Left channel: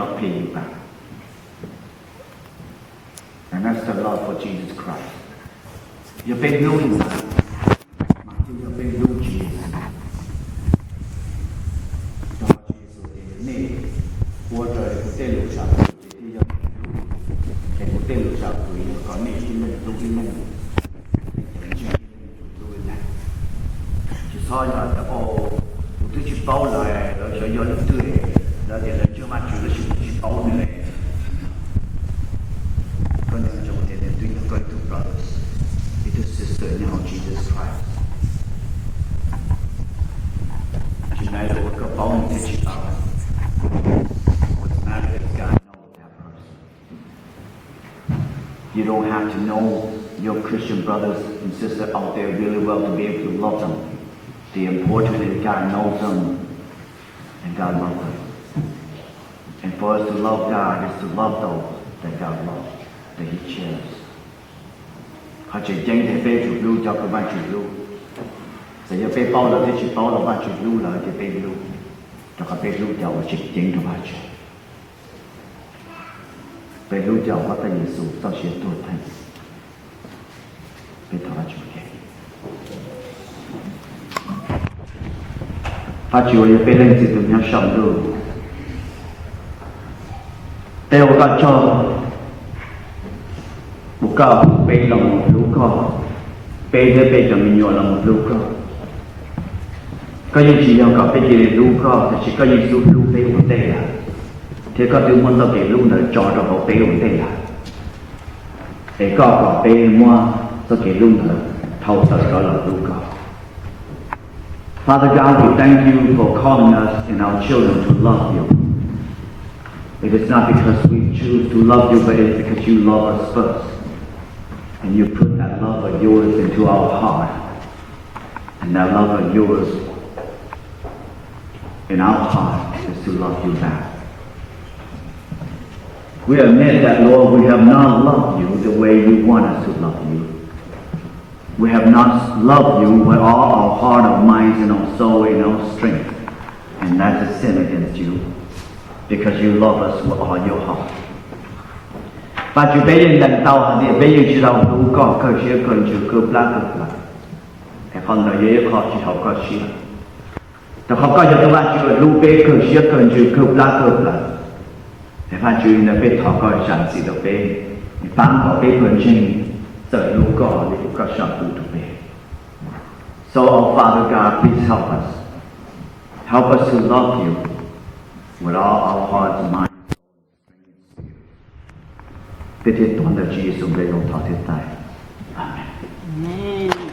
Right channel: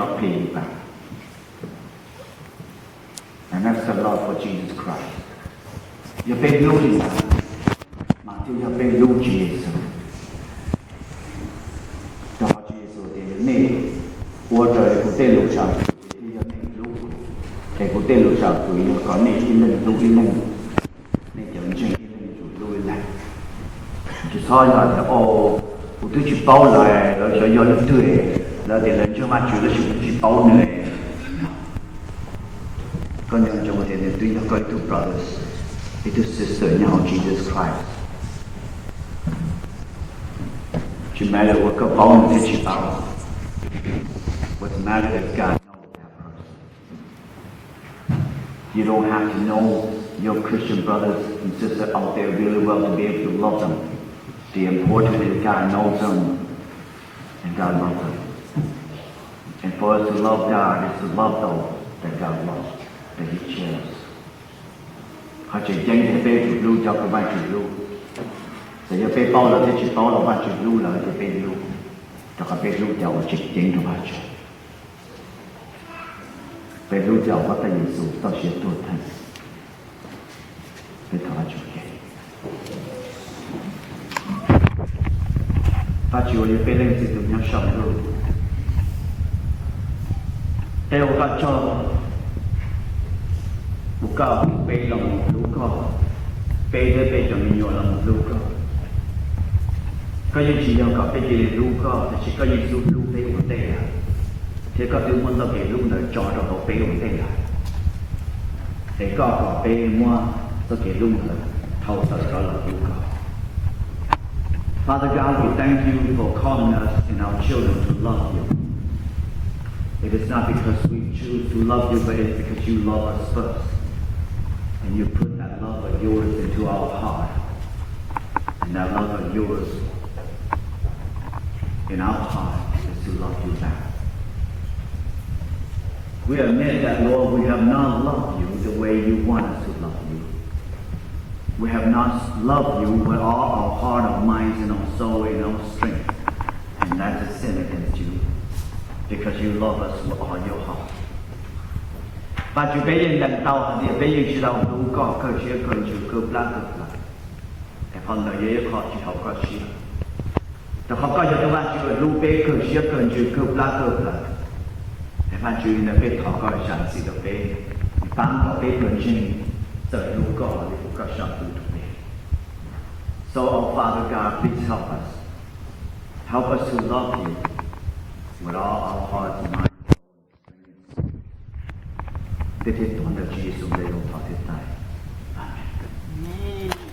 cannot pay you back. And that's the love for Jesus Christ. อย่าเป็นลูกอีสานมาที่อย่าเป็นลูกเยซูต่อเยซูเดี๋ยวนี้หัวใจกูเต้นลูกชาวที่อย่าเป็นลูกแต่กูเต้นลูกชาวตัวอยู่ก่อนนี่ที่เล่นลูกที่เล่นนี่จะเป็นเช่นที่เล่นอยู่ลูกอะไรจะซ้อนกันแต่โอ้กูต้องจีบเป้าเลยแล้วจะย้อนตัวแล้วเดี๋ยวเราจะมาจุดแล้วจะจีบเป้าเหนื่อยก็ยังจะมาเห็นในตัวอย่างก็ไอ้ตัว brothers ไอ้ตัว sister now Jesus Christ จะแม้เราก็เป้าหนึ่งที่จีบเป้า What's the matter is God knows that person. You don't have to know your Christian brothers and sisters out there really well to be able to love them. The important is God knows them and God loves them. And for us to love God is to love those that God loves, that He cares. เขาจะยังจะไปจุดรู้เจ้าก็มาจุดรู้แต่อย่าไปเป้าเราที่จุดเป้าเรามาจุดรู้เราจะไปรู้แต่เขาไปรู้เจ้าจิตยังถูกมาจุดไปรู้เจ้าว่าแต่ยิสูต้องเสียตัวท่านไปทำจุดแก่พระจุยไปเล่นสิ่งที่ยังชอบดูแต่ว่าก็ชอบบุกเข้าไปลงลูกก็ไปจะไปจะมีอยู่ลงลูกก็ยังจียังก็ไปจีลูกก็แต่ก็ยังสู้ลูกไปหัวใจอ่ะที่ก็ถึงมันต้องไปลูกเนี่ยจอดเราไปหัวใจอ่ะแต่ก็ไปมั่วต้องไปลูกเนี่ยเท่าตัดก็เราลูกก็ Father God, we thank you for calling us and our children to love you. It is not because we choose to love you, but it is because you love us first. And you put that love of yours into our heart. And that love of yours in our heart is to love you back. We admit that, Lord, we have not loved you the way you want us to love you. We have not loved you with all our heart, our minds, and our soul, and our strength. And that's a sin against you. Because you love us with all your heart. But you bây giờ lần đầu thì bây giờ chỉ đầu đủ con cơ sĩ cần chịu cướp lá cướp lá. Thì con nói dễ khó chỉ học cơ sĩ. Thì không có cho bạn chịu lưu bê cơ sĩ cần chịu cướp lá cướp lá. Thì bạn chịu là bê thọ coi sản sĩ đầu bê. Thì bạn có bê cần chênh tự lưu có để có sản phụ đầu bê. So, oh Father God, please help us. Help us to love you with all our hearts and minds. เป็นที่ตัวของพระเยซูได้ลงต่อที่ตายอาเมน